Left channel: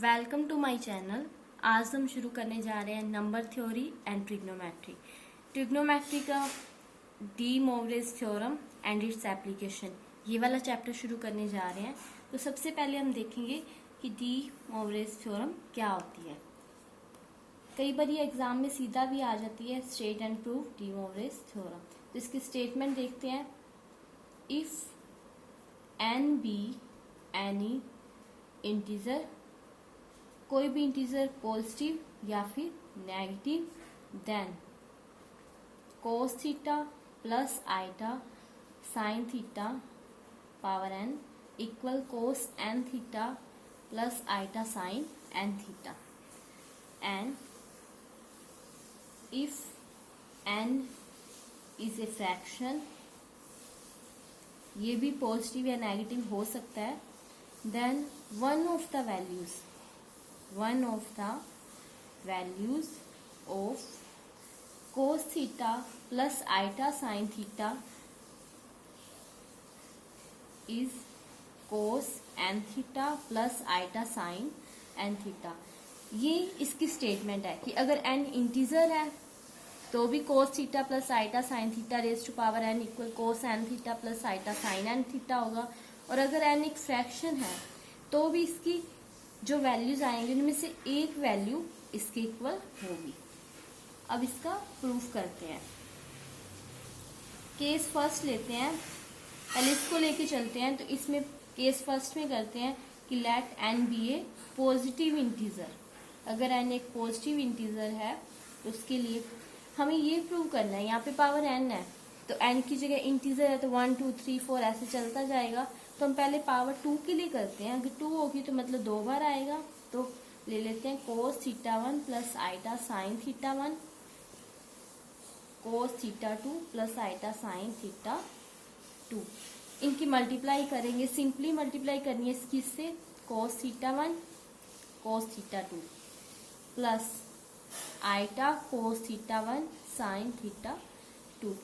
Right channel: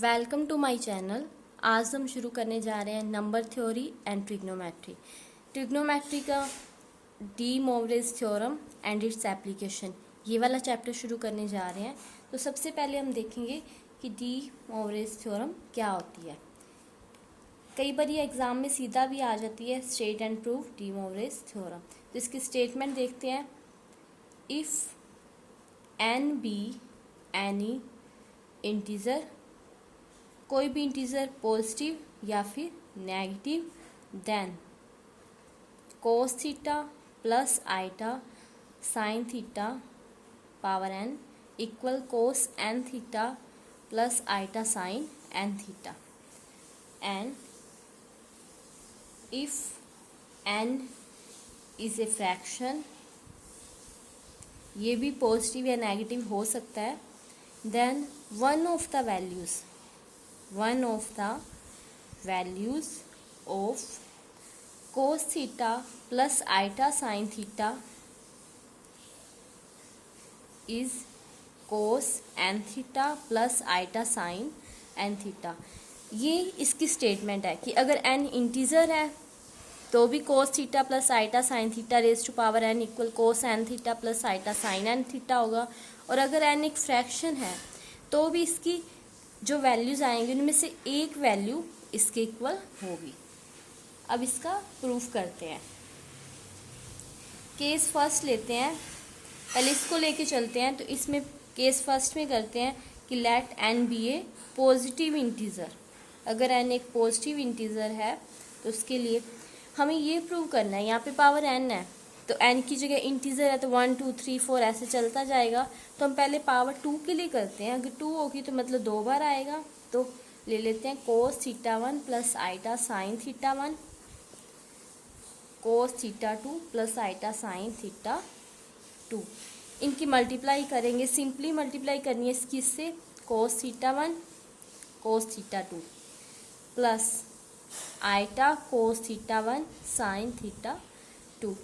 Welcome to my channel. आज हम शुरू करने जा रहे हैं number theory and trigonometry. Trigonometry का De Moivre's theorem and its application, ये वाला चैप्टर शुरू करने जा रहे हैं। तो सबसे पहले हम देखेंगे कि डी मोवरेज थ्योरम क्या होती है। कई बार ये एग्जाम में सीधा भी आ जाती है, state and prove De Moivre's theorem. तो इसकी स्टेटमेंट देखते हैं। If n be any integer, कोई भी इंटीजर पॉजिटिव या फिर negative, then cos theta plus iota sine theta power n equal cos n theta plus iota sine n theta. And if n is a fraction, ये भी positive या negative हो सकता है, then one of the values of cos theta plus iota sin theta is cos n theta plus iota sin n theta। ये इसकी statement है कि अगर n इंटीजर है तो भी cos theta plus iota sine theta raise to power n equal cos n theta plus iota sine n theta होगा। और अगर n एक फ्रैक्शन है तो भी इसकी जो वैल्यूज आएंगे उनमें से एक वैल्यू इसके इक्वल होगी। अब इसका प्रूफ करते हैं। केस फर्स्ट लेते हैं, पहले इसको लेके चलते हैं। तो इसमें केस फर्स्ट में करते हैं कि late n be A positive integer. अगर n एक पॉजिटिव इंटीजर है तो उसके लिए हमें ये प्रूव करना है, यहाँ पे पावर n है तो n की जगह इंटीजर है तो 1 2 3 4 ऐसे चलता जाएगा। तो हम पहले पावर 2 के लिए करते हैं। अगर 2 होगी तो मतलब 2 बार आएगा। तो ले लेते हैं cos theta 1 plus iota sine theta 1, cos theta 2 plus iota sine theta 2। इनकी मल्टीप्लाई करेंगे, सिंपली मल्टीप्लाई करनी है इसकी इससे, cos theta 1 cos theta 2 plus iota cos theta 1 sine theta 2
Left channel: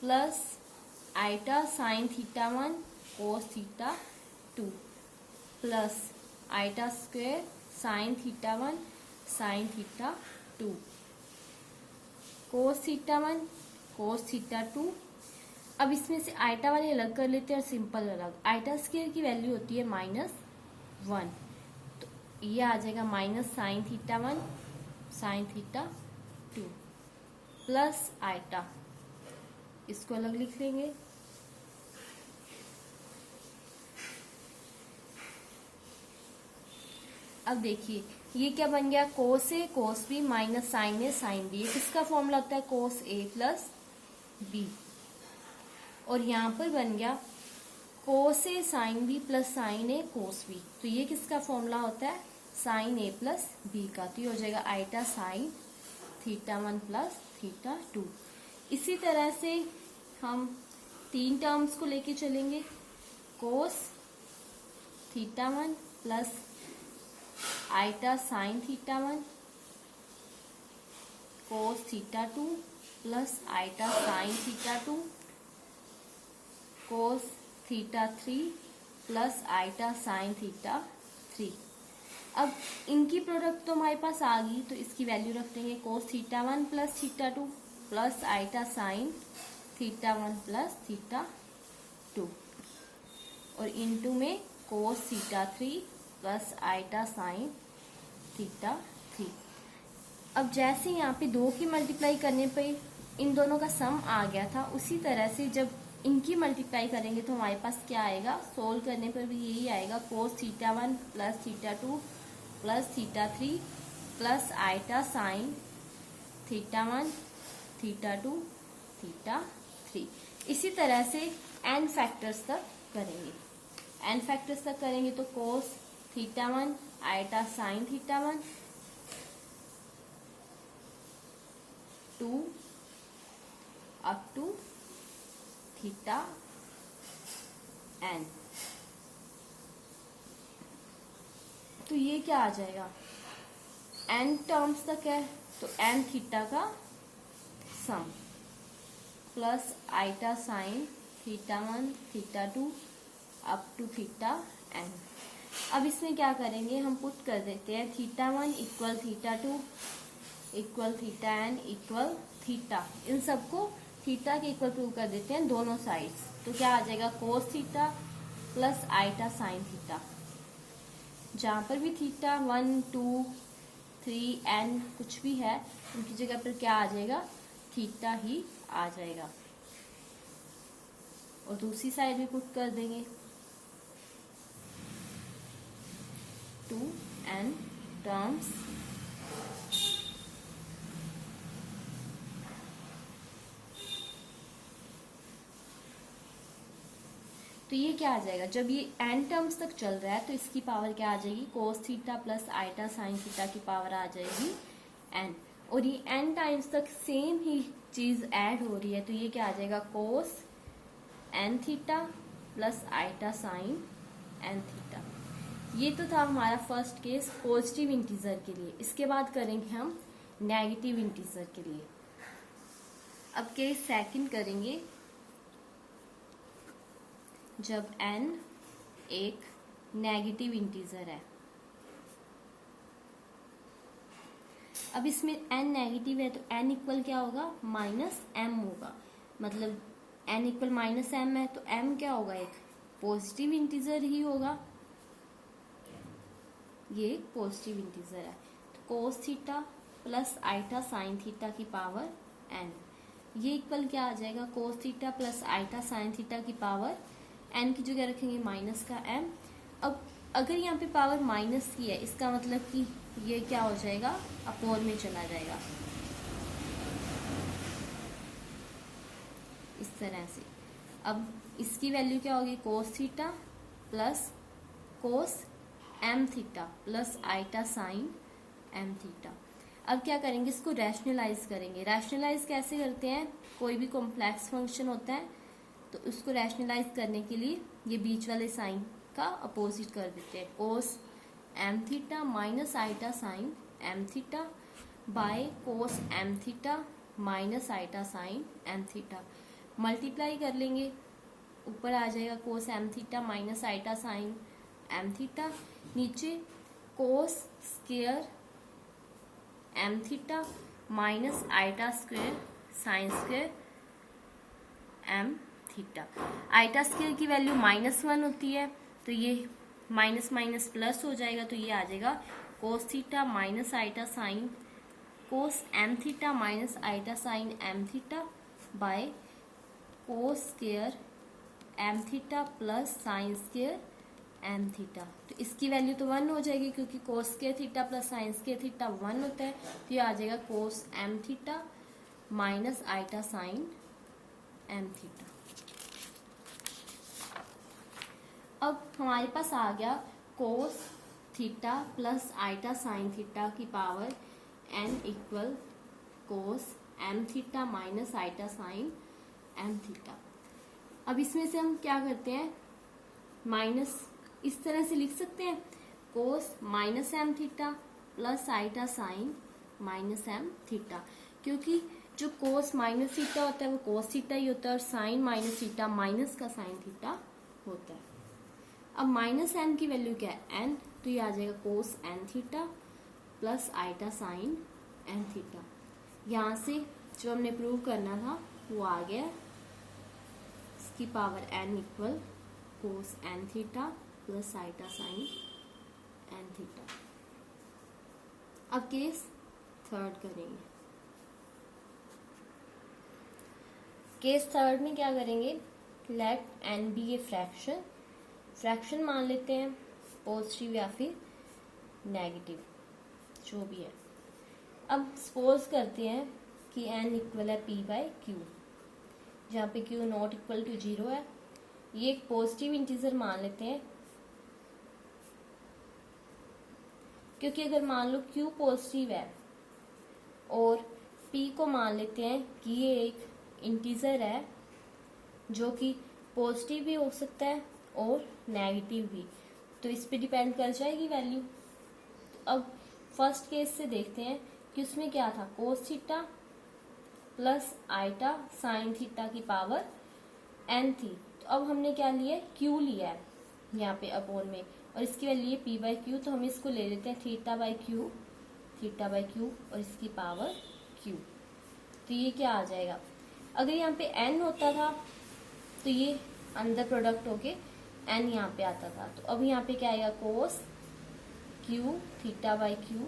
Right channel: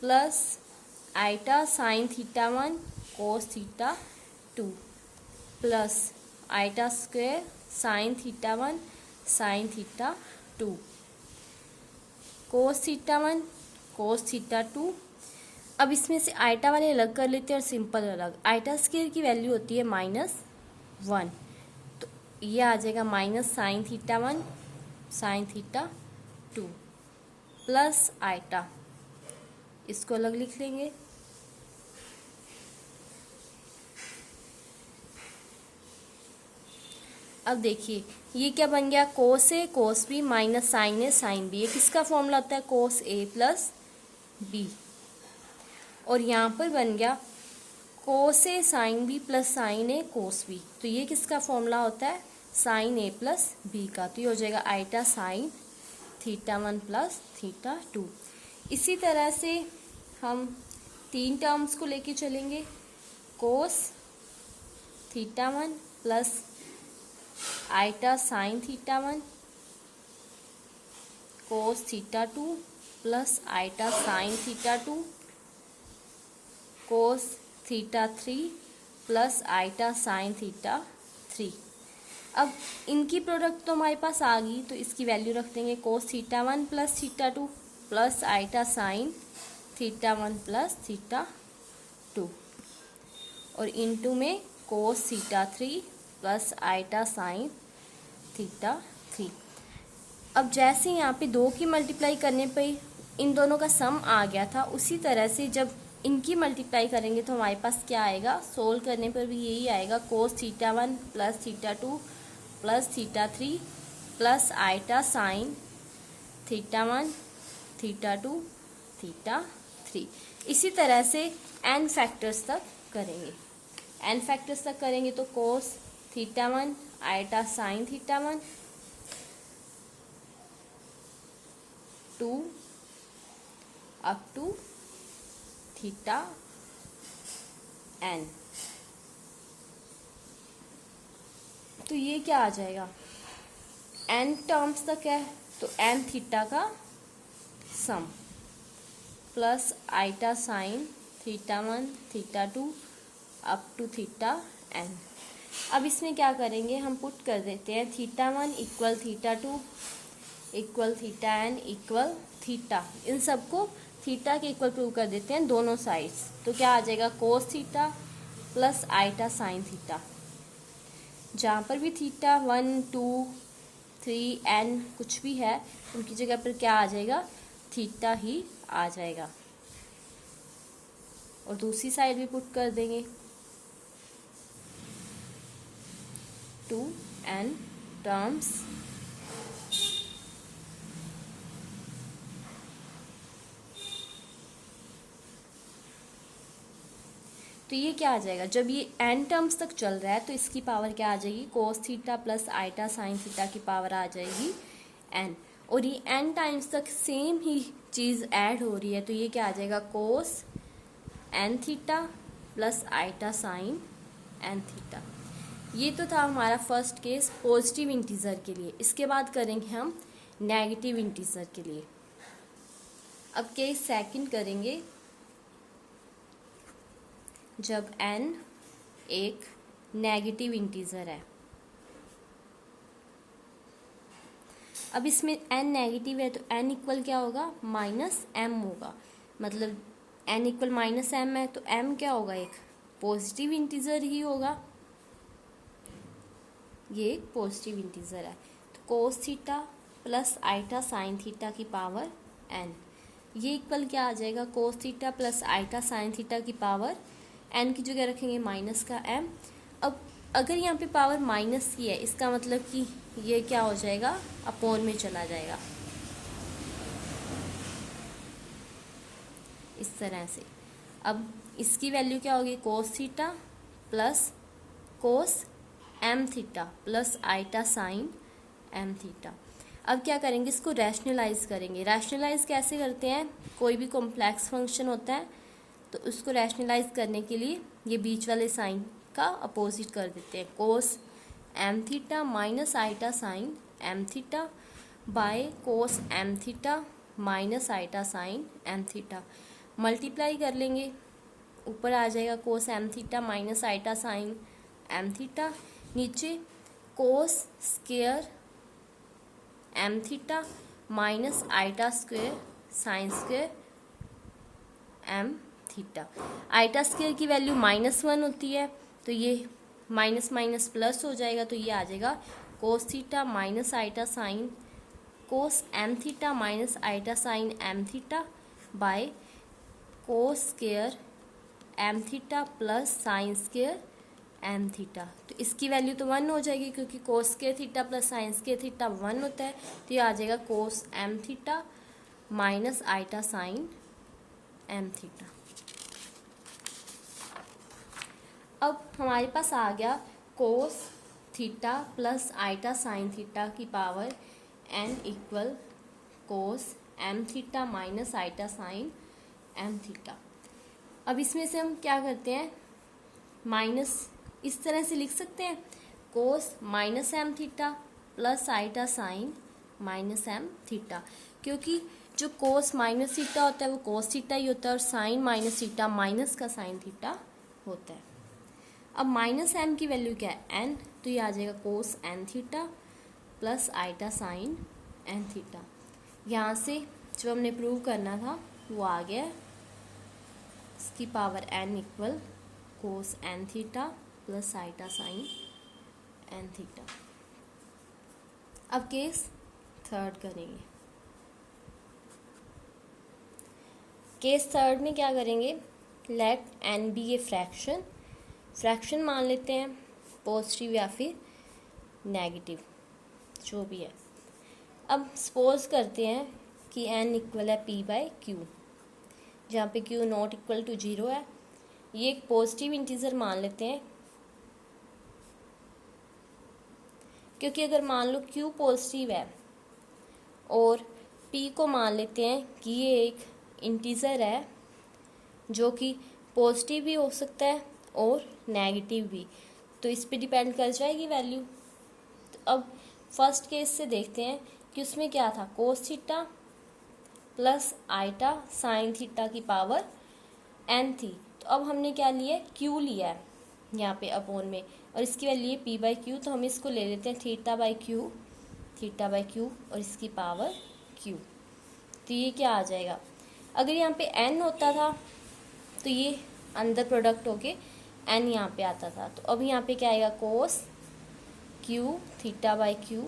plus iota sine theta 1 cos theta 2 plus iota square sine theta 1 sine theta 2 cos theta 1 cos theta 2। अब इसमें से iota वाले अलग कर लेते हैं और सिंपल अलग। आइटा स्क्वायर की वैल्यू होती है -1, तो ये आ जाएगा minus sine theta 1 sine theta 2 plus iota, इसको अलग लिख लेंगे। अब देखिए ये क्या बन गया, कोस ए कोस बी माइनस साइन ए साइन बी। ये किसका फॉर्मूला होता है, कोस ए प्लस बी। और यहाँ पर बन गया कोस ए साइन बी प्लस साइन ए कोस बी। तो ये किसका फॉर्मूला होता है, साइन ए प्लस बी का। तो ये हो जाएगा iota sine theta 1 plus theta 2। इसी तरह से हम 3 टर्म्स को लेके चलेंगे। Cos theta 1 plus iota sine theta 1, cos theta 2 plus iota sine theta 2, cos theta 3 plus iota sine theta 3। अब इनकी प्रोडक्ट तो हमारे पास आ गई, तो इसकी वैल्यू रख देंगे cos theta 1 plus theta 2 plus iota sine theta 1 plus theta 2 और इनटू में cos theta 3 plus iota sine theta 3। अब जैसे यहाँ पे 2 की मल्टीप्लाई करने पे इन दोनों का सम आ गया था, उसी तरह से जब इनकी मल्टीप्लाई करेंगे तो हमारे पास क्या आएगा, सोल्व करने पर भी यही आएगा, cos theta 1 plus theta 2 plus theta 3 plus iota sine theta 1 theta 2 theta 3। इसी तरह से n फैक्टर्स तक करेंगे। n फैक्टर्स तक करेंगे तो cos theta 1 iota sine theta 1 2 up to theta n। तो ये क्या आ जाएगा, n टर्म्स तक है तो n थीटा का sum plus iota sine theta 1 theta 2 up to theta n। अब इसमें क्या करेंगे, हम पुट कर देते हैं θ1 equal θ2 equal θn equal theta, इन सबको थीटा के इक्वल प्रूव कर देते हैं दोनों साइड्स। तो क्या आ जाएगा, cos theta plus iota sine theta. जहाँ पर भी थीटा 1 2 3 n कुछ भी है, उनकी जगह पर क्या आ जाएगा, थीटा ही आ जाएगा। और दूसरी साइड भी पुट कर देंगे 2n टर्म्स तो ये क्या आ जाएगा, जब ये n टर्म्स तक चल रहा है तो इसकी पावर क्या आ जाएगी, cos theta plus iota sine theta की पावर आ जाएगी n। और ये n टाइम्स तक सेम ही चीज ऐड हो रही है, तो ये क्या आ जाएगा, cos n theta plus iota sine n theta. ये तो था हमारा फर्स्ट केस पॉजिटिव इंटीजर के लिए। इसके बाद करेंगे हम नेगेटिव इंटीजर के लिए। अब केस सेकंड करेंगे, जब n एक नेगेटिव इंटीजर है। अब इसमें n नेगेटिव है तो n इक्वल क्या होगा, माइनस m होगा। मतलब n इक्वल माइनस m है तो m क्या होगा, एक पॉजिटिव इंटीजर ही होगा। ये एक पॉजिटिव इंटीजर है, तो cos theta plus iota sine theta की पावर n, ये इक्वल क्या आ जाएगा, cos theta plus iota sine theta की पावर n की जगह रखेंगे माइनस का m। अब अगर यहाँ पे पावर माइनस की है, इसका मतलब कि ये क्या हो जाएगा, अपोन में चला जाएगा इस तरह से। अब इसकी वैल्यू क्या होगी, cos theta plus cos m theta plus iota sine m theta. अब क्या करेंगे, इसको रैशनलाइज करेंगे। रैशनलाइज कैसे करते हैं, कोई भी कॉम्प्लेक्स फंक्शन होता है तो उसको रैशनलाइज करने के लिए ये बीच वाले साइन का अपोजिट कर देते हैं, cos m theta minus iota sine m theta by cos m theta minus iota sine m theta. Multiply कर लेंगे, ऊपर आ जाएगा cos m theta minus iota sine m theta, नीचे cos square m theta minus iota square sine square m theta. Iota square की value -1 होती है, तो ये माइनस माइनस प्लस हो जाएगा, तो ये आ जाएगा cos theta minus iota sine cos m theta minus iota sine m theta by cos square m theta plus sine square m theta. तो इसकी वैल्यू तो 1 हो जाएगी, क्योंकि cos square theta plus sine square theta 1 होता है, तो ये आ जाएगा cos m theta minus iota sine m theta. अब हमारे पास आ गया cos theta plus iota sine theta की power n equal cos m theta minus iota sine m theta. अब इसमें से हम क्या करते हैं, माइनस इस तरह से लिख सकते हैं, cos minus m theta plus iota sine minus m theta, क्योंकि जो कोस माइनस थीटा होता है वो कोस थीटा ही होता है, और साइन माइनस थीटा माइनस का साइन थीटा होता है। अब माइनस m की वैल्यू क्या है, n, तो ये आ जाएगा cos n theta plus iota sine n theta. यहाँ से जो हमने प्रूव करना था वो आ गया, इसकी power n equal cos n theta plus iota sine n theta. अब केस थर्ड करेंगे। केस थर्ड में क्या करेंगे, let n be a fraction, fraction मान लेते हैं, पॉजिटिव या फिर नेगेटिव जो भी है। अब सपोज करते हैं कि n इक्वल है p बाय क्यू, जहाँ पे q नॉट इक्वल टू 0 है। ये एक पॉजिटिव इंटीजर मान लेते हैं, क्योंकि अगर मान लो q पॉजिटिव है और p को मान लेते हैं कि ये एक इंटीजर है जो कि पॉजिटिव भी हो सकता है और नेगेटिव भी, तो इस पे डिपेंड कर जाएगी वैल्यू। तो अब फर्स्ट केस से देखते हैं कि उसमें क्या था, cos theta plus iota sine theta की पावर n थी। तो अब हमने क्या लिया, q लिया है यहाँ पे अपोन में, और इसकी वैल्यू है पी बाई क्यू, तो हम इसको ले लेते हैं थीटा बाई क्यू और इसकी पावर क्यू। तो ये क्या आ जाएगा, अगर यहाँ पे एन होता था तो ये अंदर प्रोडक्ट होके एन यहाँ पे आता था, तो अब यहाँ पे क्या आएगा cos q theta by q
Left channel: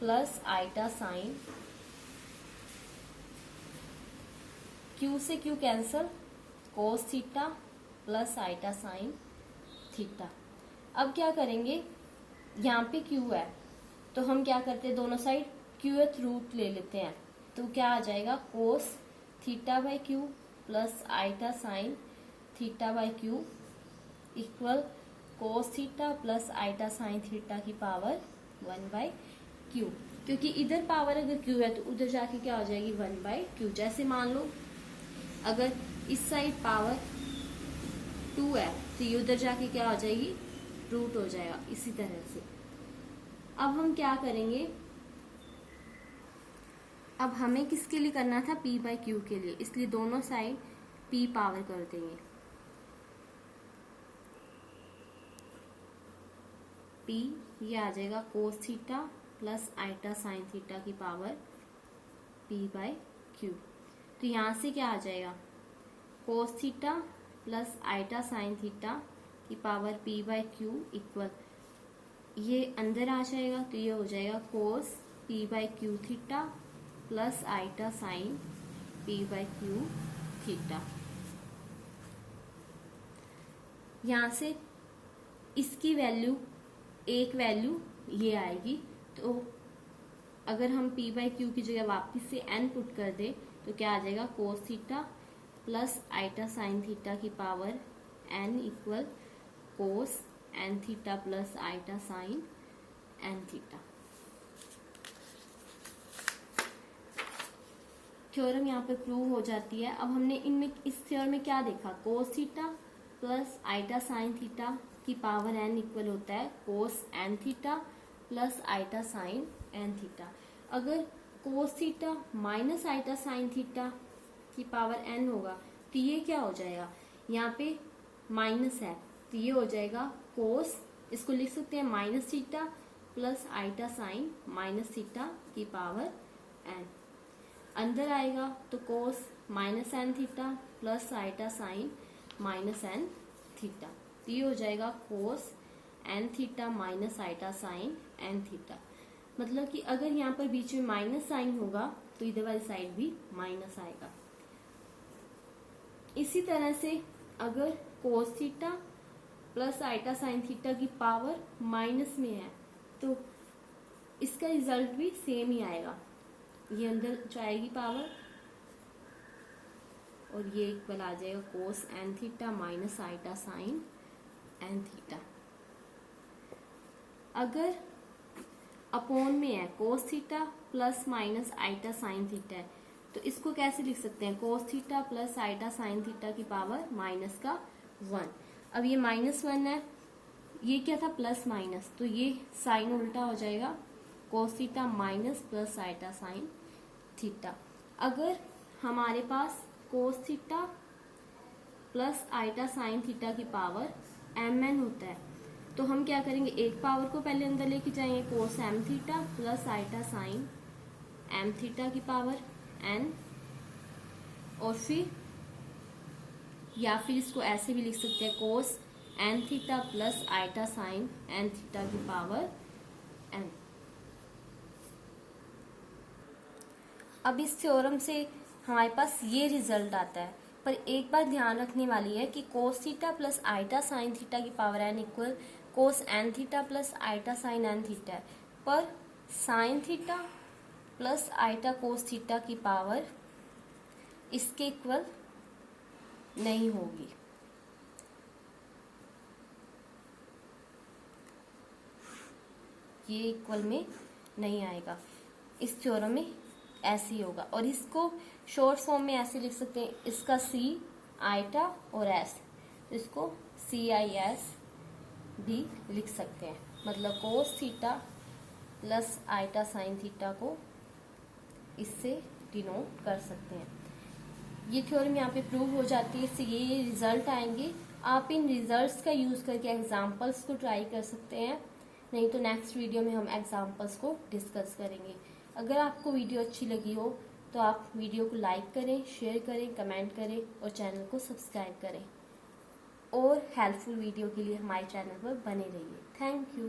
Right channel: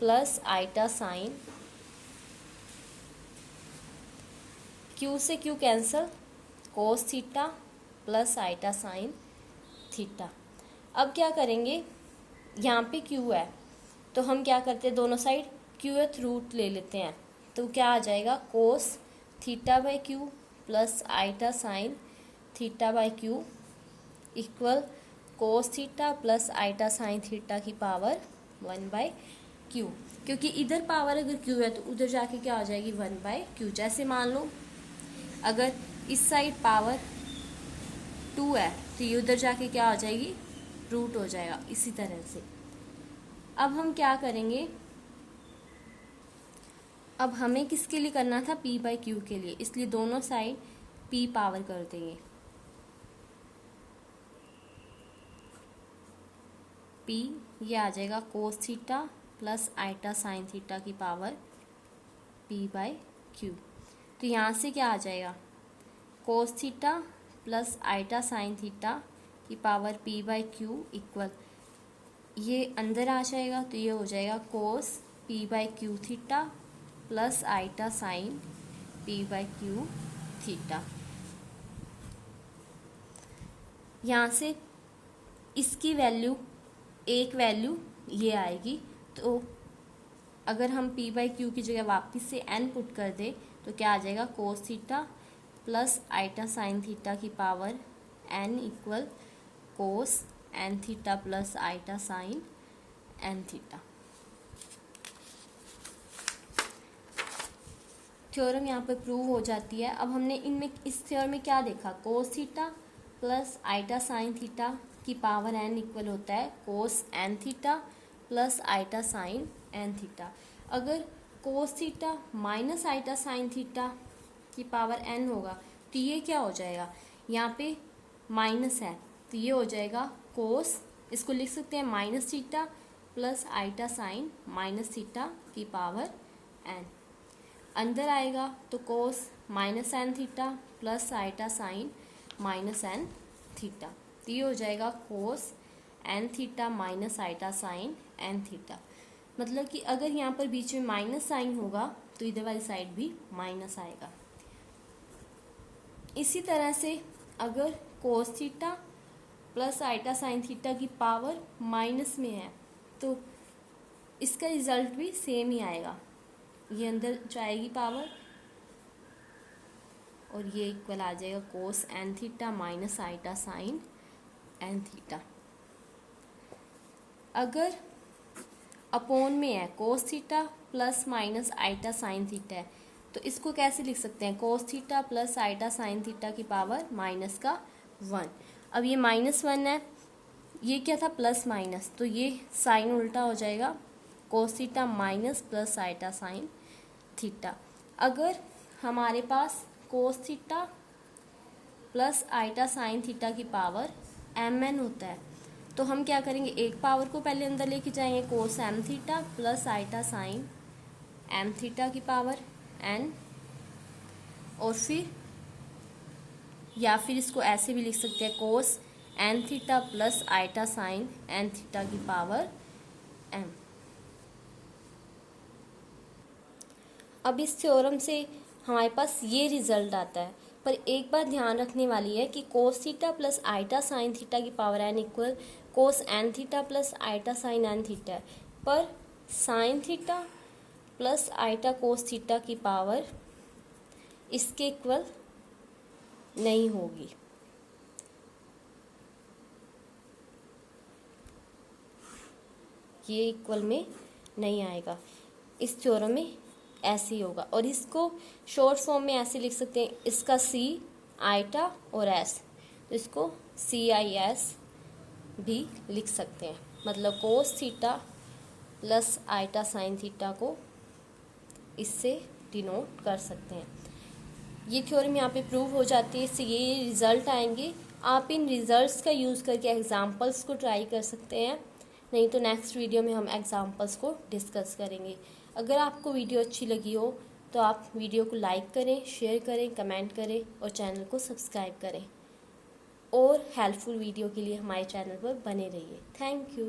plus iota sine, q से q cancel, cos theta plus iota sine theta. अब क्या करेंगे, यहाँ पे क्यू है तो हम क्या करते हैं, दोनों साइड क्यूएथ रूट ले लेते हैं, तो क्या आ जाएगा cos theta by q plus iota sine theta by q equal cos theta plus iota sine theta की पावर 1/q। क्योंकि इधर पावर अगर q है तो उधर जाके क्या आ जाएगी 1/q। जैसे मान लो अगर इस साइड पावर 2 है तो ये उधर जाके क्या हो जाएगी रूट हो जाएगा। इसी तरह से अब हम क्या करेंगे, अब हमें किसके लिए करना था p बाई क्यू के लिए, इसलिए दोनों साइड p पावर कर देंगे। p ये आ जाएगा cos theta plus iota sine theta की पावर p बाई क्यू। तो यहाँ से क्या आ जाएगा cos theta plus iota sine theta की power p by q equal, ये अंदर आ जाएगा तो ये हो जाएगा cos p by q theta plus iota sine p by q theta. यहाँ से इसकी वैल्यू एक वैल्यू ये आएगी, तो अगर हम p बाई क्यू की जगह वापस से n पुट कर दे तो क्या आ जाएगा cos theta plus iota sine theta की power n equal cos n theta plus iota sine n theta. Theorem यहाँ पे प्रूव हो जाती है। अब हमने इनमें इस थ्योरम में क्या देखा, cos theta plus iota sine theta की पावर n इक्वल होता है cos n theta plus iota sine n theta. अगर cos theta minus iota sine theta की पावर n होगा तो ये क्या हो जाएगा, यहाँ पे माइनस है तो ये हो जाएगा कोस, इसको लिख सकते हैं minus theta plus iota sine minus theta की पावर n। अंदर आएगा तो cos minus n theta plus iota sine minus n theta, तो ये हो जाएगा cos n theta minus iota sine n theta. मतलब कि अगर यहाँ पर बीच में माइनस साइन होगा तो इधर वाली साइड भी माइनस आएगा। इसी तरह से अगर cos theta plus iota sine theta की पावर माइनस में है तो इसका रिजल्ट भी सेम ही आएगा, ये अंदर जाएगी पावर और ये इक्वल आ जाएगा cos n theta minus iota sine n theta. अगर अपॉन में है cos theta plus minus iota sine theta है तो इसको कैसे लिख सकते हैं, cos theta plus iota sine theta की पावर माइनस का 1। अब ये -1 है, ये क्या था प्लस माइनस, तो ये साइन उल्टा हो जाएगा cos theta minus plus iota sine theta. अगर हमारे पास cos theta plus iota sine theta की पावर mn होता है तो हम क्या करेंगे, एक पावर को पहले अंदर लेके जाएंगे cos m theta plus iota sine m theta की पावर n, और फिर या फिर इसको ऐसे भी लिख सकते हैं cos n theta plus iota sine n theta की पावर m। अब इस थ्योरम से हमारे पास ये रिजल्ट आता है, पर एक बात ध्यान रखने वाली है कि cos theta plus iota sine theta की power n equal cos n theta plus iota sine n theta है, पर sine theta plus iota cos theta की पावर इसके इक्वल नहीं होगी। ये इक्वल में नहीं आएगा, इस थ्योरम में ऐसे ही होगा। और इसको शॉर्ट फॉर्म में ऐसे लिख सकते हैं, इसका सी आइटा और एस, तो इसको CIS भी लिख सकते हैं। मतलब cos theta plus iota sine theta को इससे डिनोट कर सकते हैं। ये थ्योरम यहाँ पे प्रूव हो जाती है, इससे ये रिजल्ट आएंगे आप इन रिजल्ट्स का यूज़ करके एग्जाम्पल्स को ट्राई कर सकते हैं, नहीं तो नेक्स्ट वीडियो में हम एग्जाम्पल्स को डिस्कस करेंगे। अगर आपको वीडियो अच्छी लगी हो तो आप वीडियो को लाइक करें, शेयर करें, कमेंट करें और चैनल को सब्सक्राइब करें। और हेल्पफुल वीडियो के लिए हमारे चैनल पर बने रहिए। Thank you.